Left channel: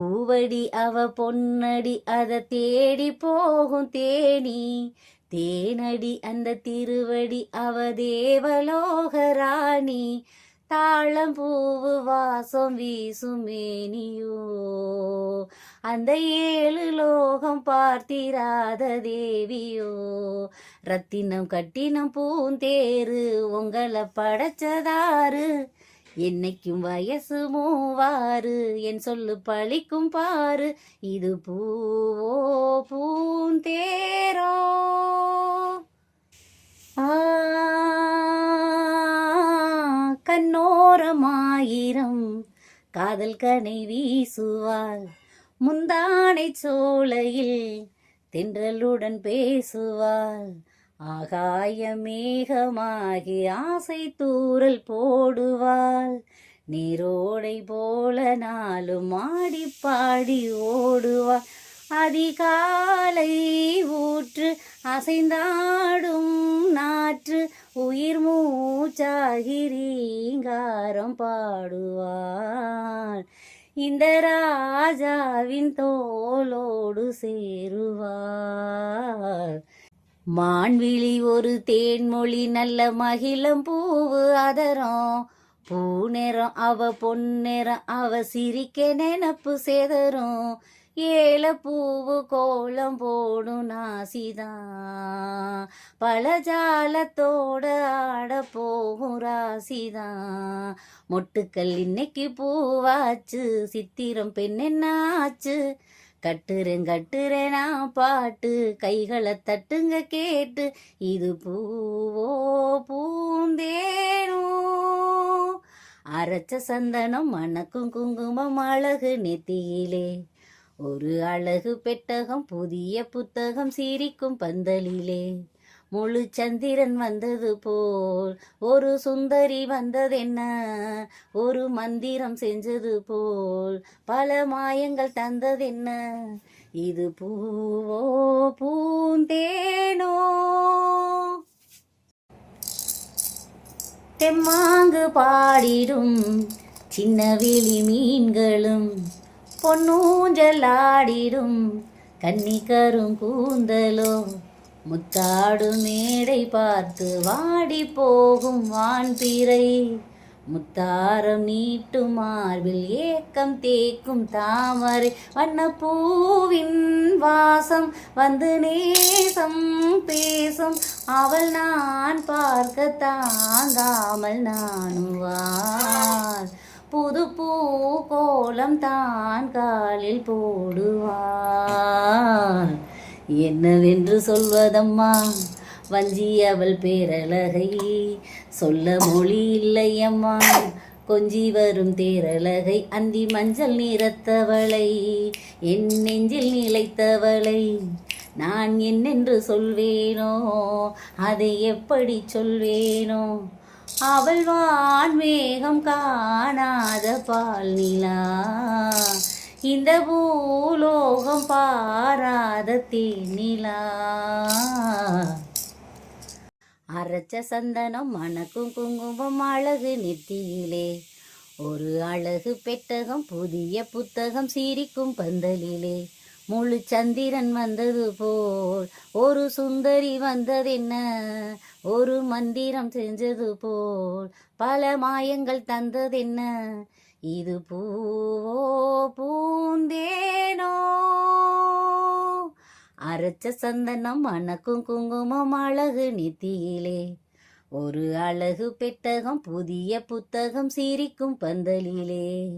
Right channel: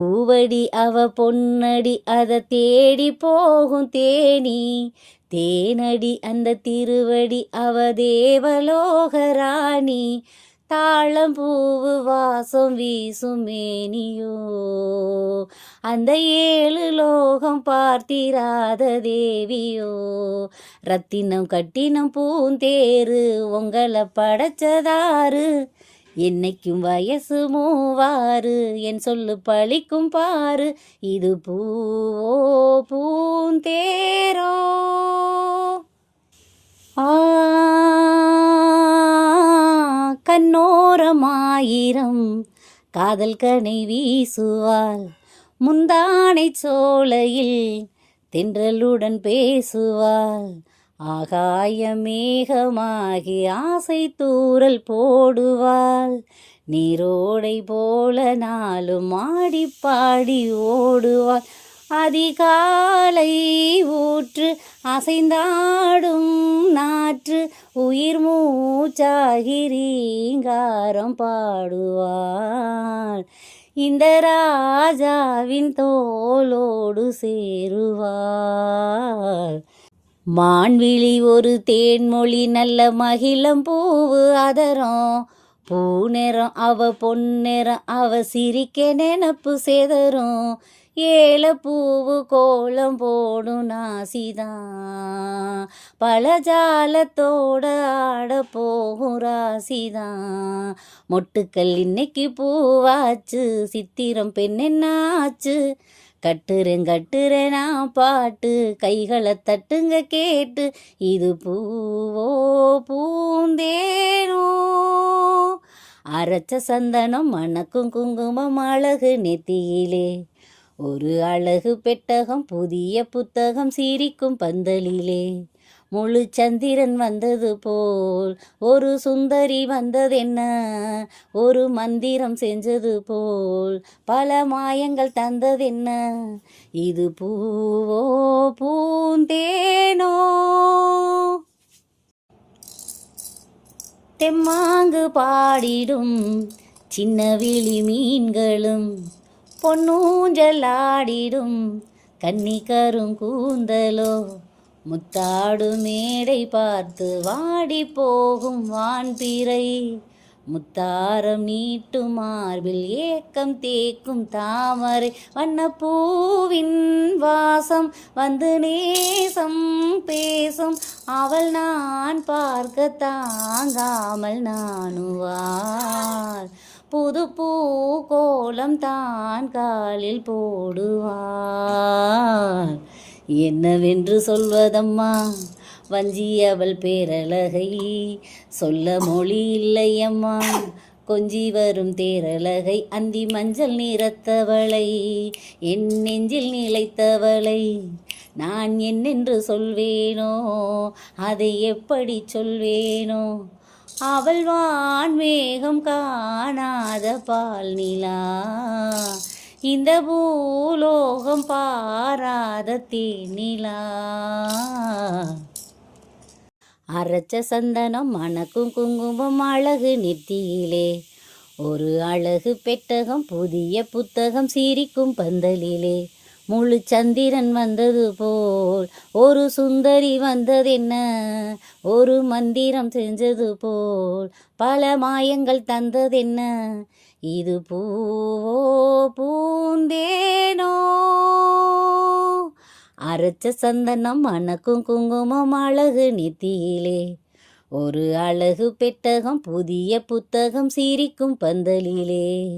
பூவடி அவ பொன்னடி அத தேடி போகும் தேனி. தேனடி அந்த திருவடி அவ தேவலோகராணி தாளம் பூவு வாசம் வீசும் மேனியோ. அந்த ஏழு லோகம் பார்த்திராத தேவியோ. ரத்தினம் கட்டினம் பூந்தேரு உங்களை படைச்சதாரு என்னைக்கும் வயசு மூவாறு என் சொல்லு பழிக்கும் பாரு இது பூவோ பூந்தேரோ ஆ கண்ணோரமாயிரம் காதல் கனை வீசுவாள் முந்தானை சோலையில் தென்றலுடன் பேசுவாள் ஆகாய மேகமாகி ஆசை தூரல் போடுவாள். நீரோடை போல நாளும் ஆடி பாடி ஓடுவாள். அதிகாலை ஊற்று அசைந்தாடும் நாற்று உயிர் மூச்சாகிரீங்காரம் பாடுவாள். இந்த ராஜாவின் தோலோடு சேருவாள். மான்விழி ஒரு தேன்மொழி நல்ல மகிழம் பூவு அதரம். பூ நிறம் அவ பொன்னிறம் அவ சிரிக்க நினப்பு சேதரும். ஏல பூவு கோலம் போடும் நாசிதான். பழஜாலத்தோட ஆட போகும் ராசிதான். மொட்டுக்கள் இன்னைக்கு பூவாச்சு சித்திரம் பெண்ணென்னாச்சு. கட்டுறேன் கட்டுறேன் நான் பாட்டு கைகளை தட்டுங்க கேட்டு இது பூவோ பூந்தேனோ? அரைச்ச சந்தனம் மணக்கும் குங்குமம் அழகு நெத்தியிலே. ஒரு அழகு பெட்டகம் புதிய புத்தகம் சிரிக்கும் பந்தலிலே. முழு சந்திரன் வந்தது போல் ஒரு சுந்தரி வந்ததென்ன? ஒரு மந்திரம் செஞ்சது போல் பல மாயங்கள் தந்ததென்ன? இது பூவோ பூந்தேனோ? தெம்மாங்கு பாடிடும் சின்ன விழி மீன்களும் பொன்னூஞ்சலாடிடும் கன்னி கரும் கூந்தலோ முத்தாடு மேடை பார்த்து வாடி போகும் வான்பிறை. முத்தாரம் நீட்டு மார்பில் ஏக்கம் தேக்கும் தாமரை. வண்ணப்பூவின் வாசம் வந்து நேசம் பேசும். அவள் நான் பார்க்க தாங்காமல் நானுவார் புது பூ கோலம் தான் காலில் போடுவார் என்னவென்று சொல்வதம்மா? வஞ்சி அவள் பேரழகை சொல்ல மொழி இல்லையம்மா. கொஞ்சி வரும் தேரழகை அந்தி மஞ்சள் நிறத்தவளை என் நெஞ்சில் நிலைத்தவளை. நான் என்னென்று சொல்வேனோ அதை எப்படி சொல்வேனோ? அவள் வான் மேகம் காணாத பால் நிலா இந்த பூலோகம் பாராத தேனிலா. அரைச்ச சந்தனம் மணக்கும் குங்குமம் அழகு நெத்தியிலே ஒரு அழகு பெட்டகம் புதிய புத்தகம் சிரிக்கும் பந்தலிலே. முழு சந்திரன் வந்தது போல் ஒரு சுந்தரி வந்ததென்ன? ஒரு மந்திரம் செஞ்சது போல் பல மாயங்கள் தந்ததென்ன? இது பூவோ பூந்தேனோ? அரைச்ச சந்தனம் மணக்கும் குங்குமம் அழகு நித்தியிலே. ஒரு அழகு பெட்டகம் புதிய புத்தகம் சிரிக்கும் பந்தலிலே.